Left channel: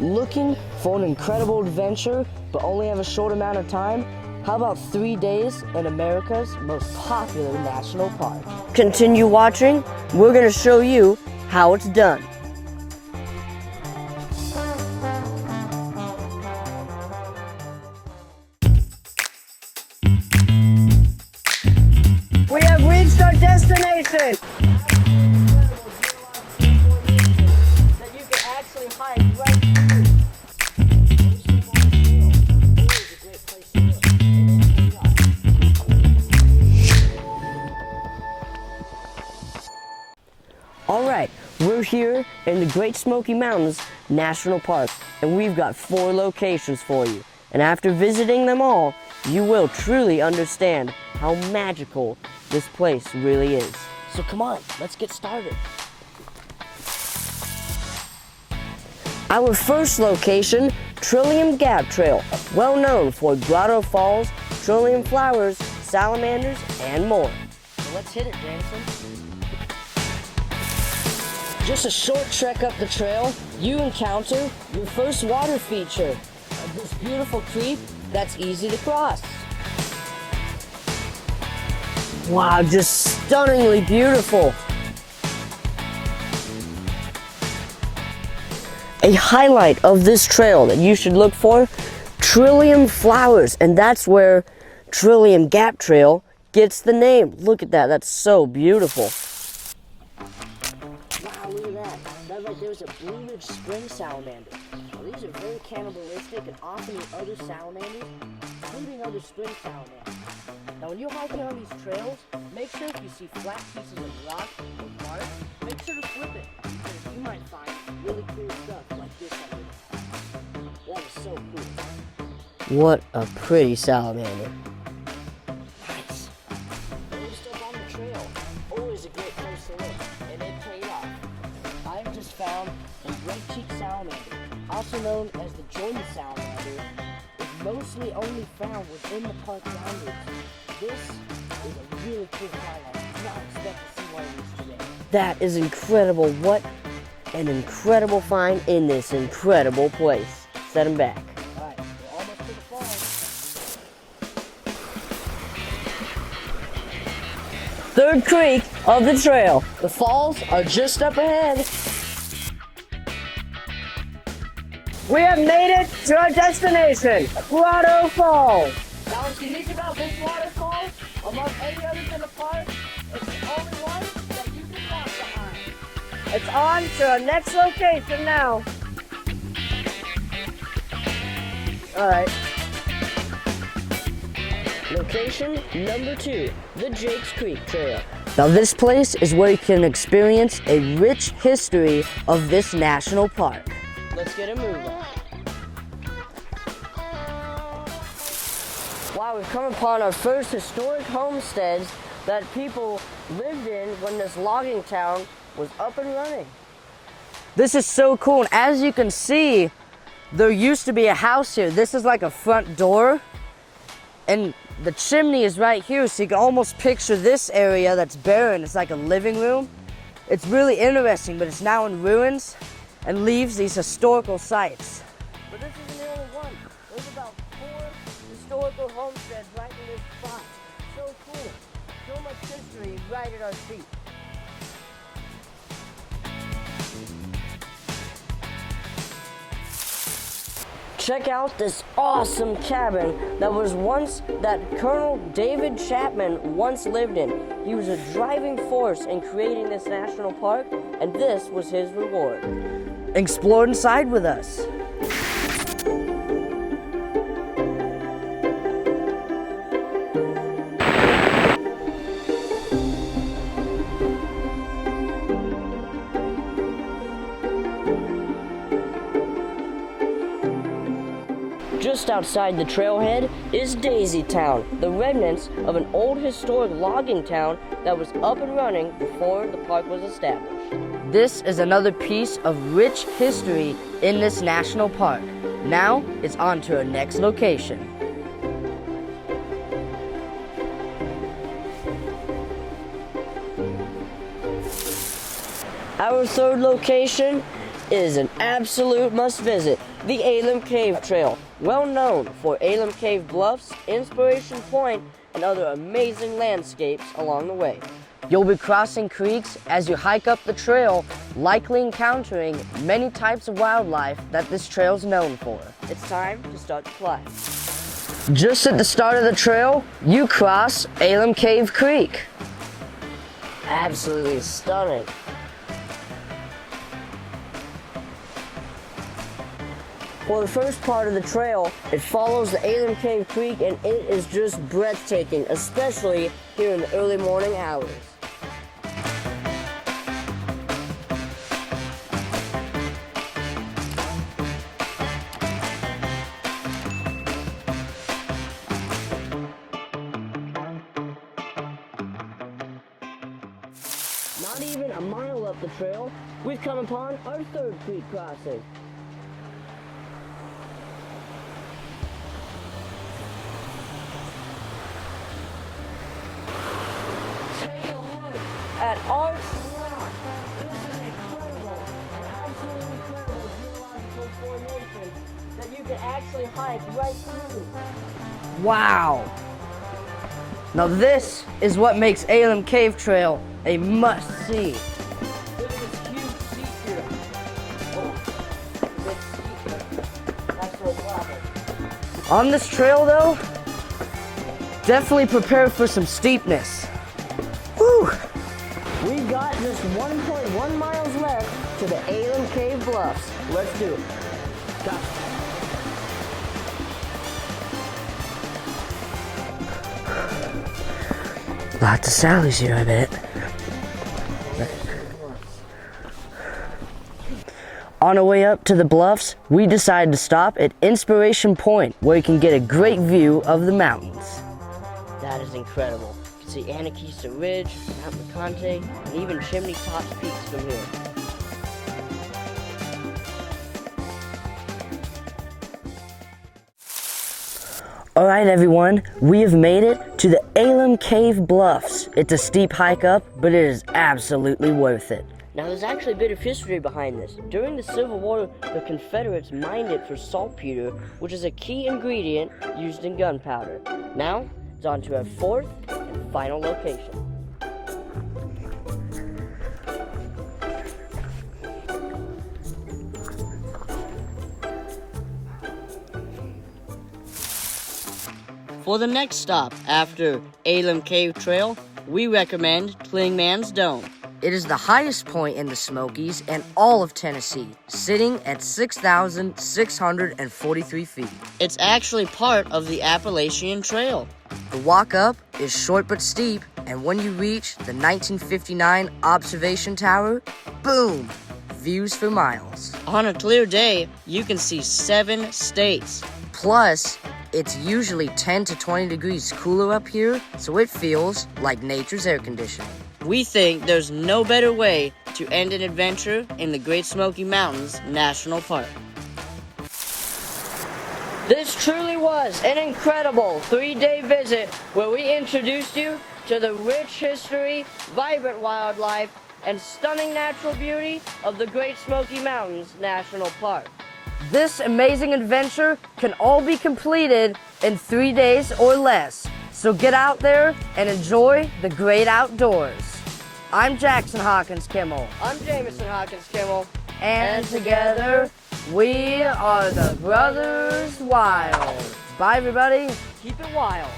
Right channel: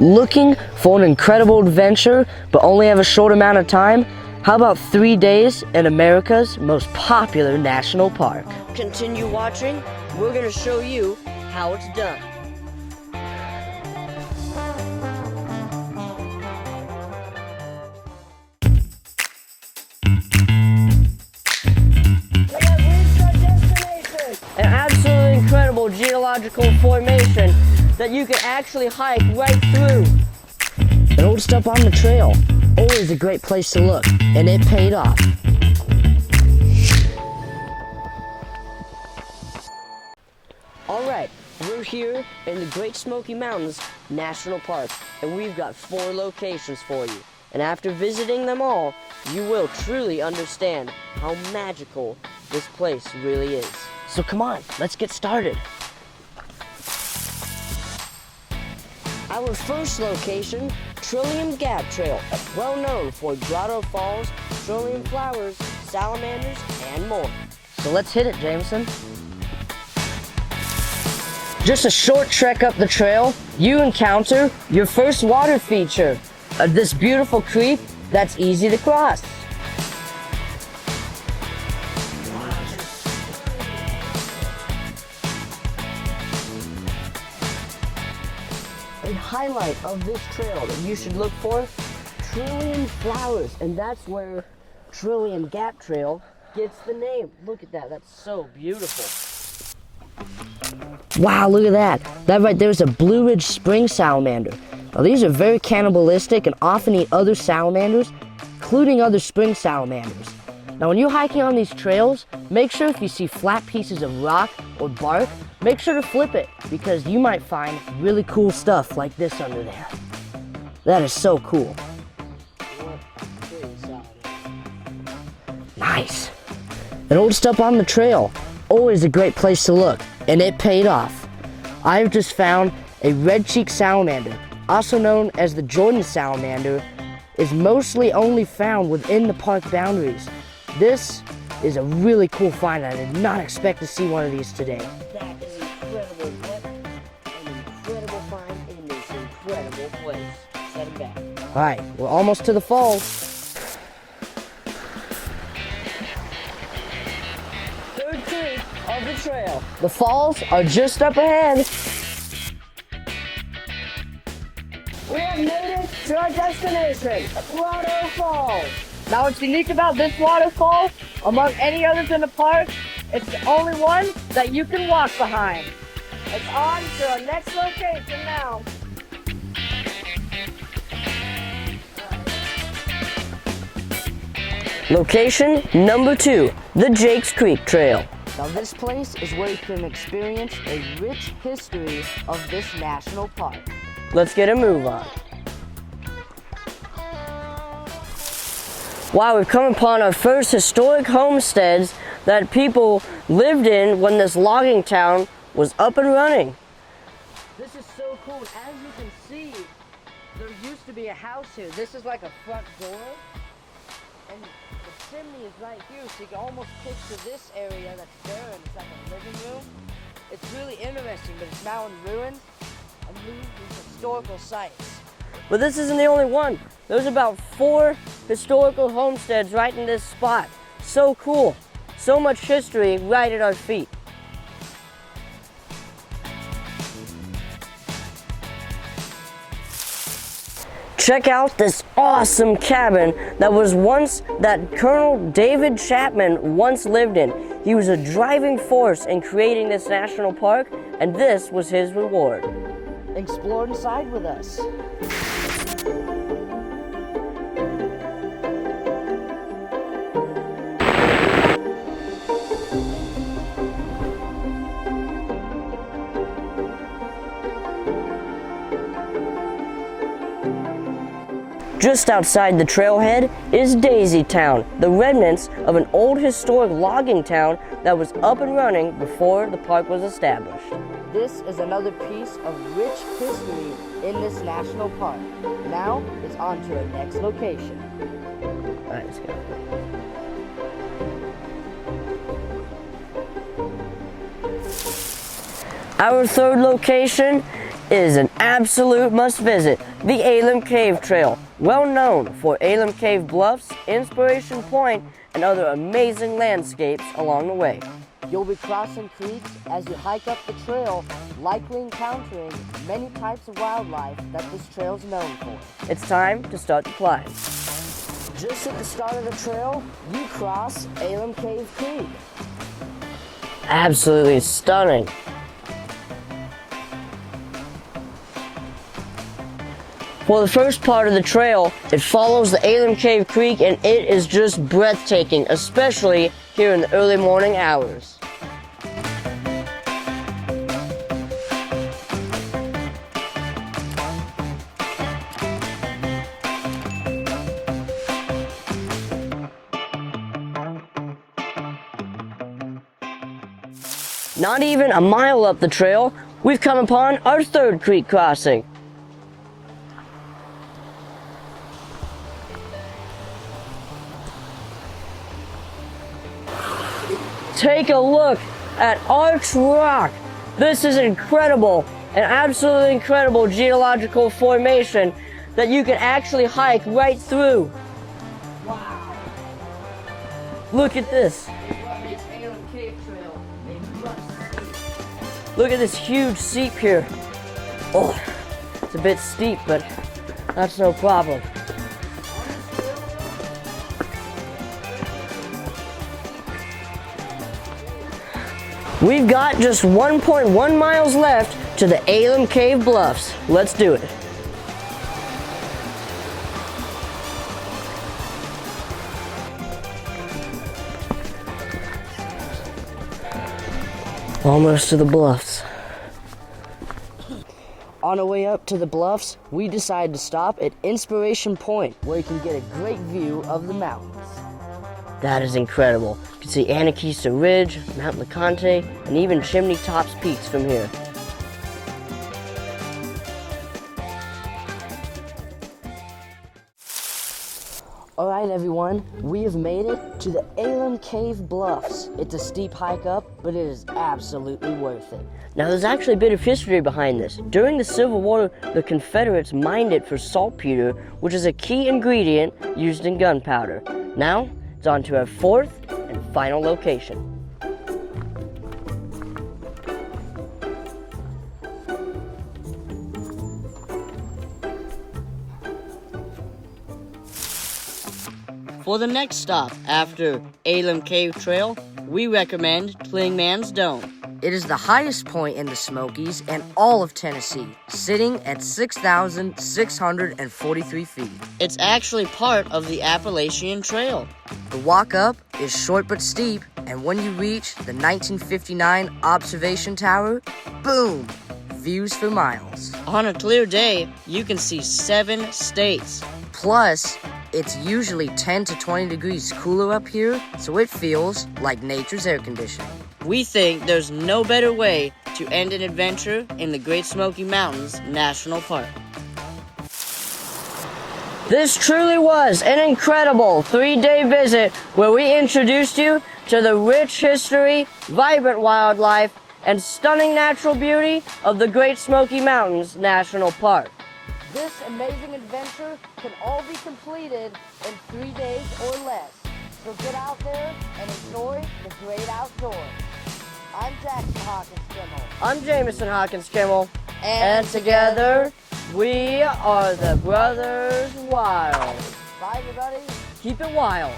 Looking for an incredible adventure but only have a short amount of time? How about 3 days in America's most popular national park? Continue watching. We're going to show you how it's done. We have reached our destination, an absolutely incredible geological formation that you can actually hike right through. It holds up on the trail. Always a great place to look, and it paid off. Alright, we're here in the Great Smoky Mountains National Park, and we've got 4 locations for you. And after visiting them all, you will truly understand how magical this place really is. So come on, let's get started. Our first location, Trillium Gap Trail, well known for Grotto Falls, trillium flowers, salamanders, and more. So let's hit it, Jameson. Just a short trek up the trail, you encounter your first water feature, this beautiful creek that's easy to cross. Wow, just stunningly beautiful. A highlight of this trail that you should look for, trillium flowers, and that's where Trillium Gap Trail gets the name. Look at that, that's so beautiful. Wow, look at that. That right there is a Blue Ridge Spring Salamander. Now, these are very cannibalistic and often eat other salamanders, including other spring salamanders. Now, when you're hiking on these trails, make sure if you see flat pieces of rock or bark, make sure to flip it because you might find really cool stuff like this under there. That is so cool. What a pretty salamander. Nice. It holds up on the trail. Always a great place to look, and it paid off. I've just found a red-cheeked salamander, also known as the Jordan salamander, is mostly only found within the park boundaries. This is a really cool find. I did not expect to see one of these today. That is incredible. What an incredible find in this incredible place. Set him back. All right, we're almost to the falls. Third creek of the trail. The falls are just up ahead. We have made it to our destination, Grotto Falls. Now what's unique about this waterfall, among any others in the park, it's the only one that you can walk behind. It's on to our next location now. All right. Location number 2, the Jakes Creek Trail. Now this place is where you can experience a rich history of this national park. Let's get a move on. Wow, we've come upon our first historic homesteads that people lived in when this logging town was up and running. This is so cool, and as you can see, there used to be a house here. This is like a front door, and the chimney is right here, so you can almost picture this area that's barren. It's like a living room. It's really interesting, but it's now in ruins and leaves these historical sites. But this isn't the only one. There's about 4 historical homesteads right in this spot. So cool. So much history right at our feet. Check out this awesome cabin that Colonel David Chapman once lived in. He was a driving force in creating this national park, and this was his reward. Explore inside with us. Just outside the trailhead is Daisy Town, the remnants of an old historic logging town that was up and running before the park was established. This is another piece of rich history in this national park. Now it's on to our next location. All right, let's go. Our third location It is an absolute must visit, the Alum Cave Trail, well known for Alum Cave Bluffs, Inspiration Point, and other amazing landscapes along the way. You'll be crossing creeks as you hike up the trail, likely encountering many types of wildlife that this trail is known for. It's time to start the climb. Just at the start of the trail, you cross Alum Cave Creek. Absolutely stunning. For the first part of the trail, it follows the Alum Cave Creek and it is just breathtaking, especially here in the early morning hours. Not even a mile up the trail, we've come upon our third creek crossing. Take a look at Arch Rock. This is incredible, an absolutely incredible geological formation that you can actually hike right through. Wow. Look at this. Is what makes Alum Cave Trail a must-see. Look at this huge seep here. Oh, it's a bit steep, but that's no problem. On this trail though, definitely prepare for some steepness. Whew. We've got just 1.1 miles left to the Alum Cave Bluffs. Let's do it. Lots of sallies here, I bet. Almost to the bluffs. On our way up to the bluffs, we decided to stop at Inspiration Point, where you can get a great view of the mountains. That is incredible. You can see Anakeesa Ridge, Mount LeConte, and even Chimney Tops peaks from here. All right, everyone, we have made it to the Alum Cave Bluffs. It's a steep hike up, but it is absolutely worth it. Now, there's actually a bit of history behind this. During the Civil War, the Confederates mined it for saltpeter, which is a key ingredient used in gunpowder. Now, it's on to our fourth and final location. For the next stop after Alum Cave Trail, we recommend Clingmans Dome. It is the highest point in the Smokies and all of Tennessee, sitting at 6,643 feet. It's actually part of the Appalachian Trail. The walk up is short but steep, and when you reach the 1959 observation tower, boom, views for miles. On a clear day, you can see 7 states. Plus, it's usually 10 to 20 degrees cooler up here, so it feels like nature's air conditioning. We think there's no better way to end an adventure in the Great Smoky Mountains National Park. This truly was an incredible 3-day visit where we introduced you to the rich history, vibrant wildlife, and stunning natural beauty of the Great Smoky Mountains National Park. This amazing adventure can all be completed in 3 days or less, so get out there and enjoy the great outdoors. I'm Jackson Hawkins Kimmel. I'm Jameson Hawkins Kimmel. And together, we are the Brothers Wild. Bye, everybody. Keep it wild.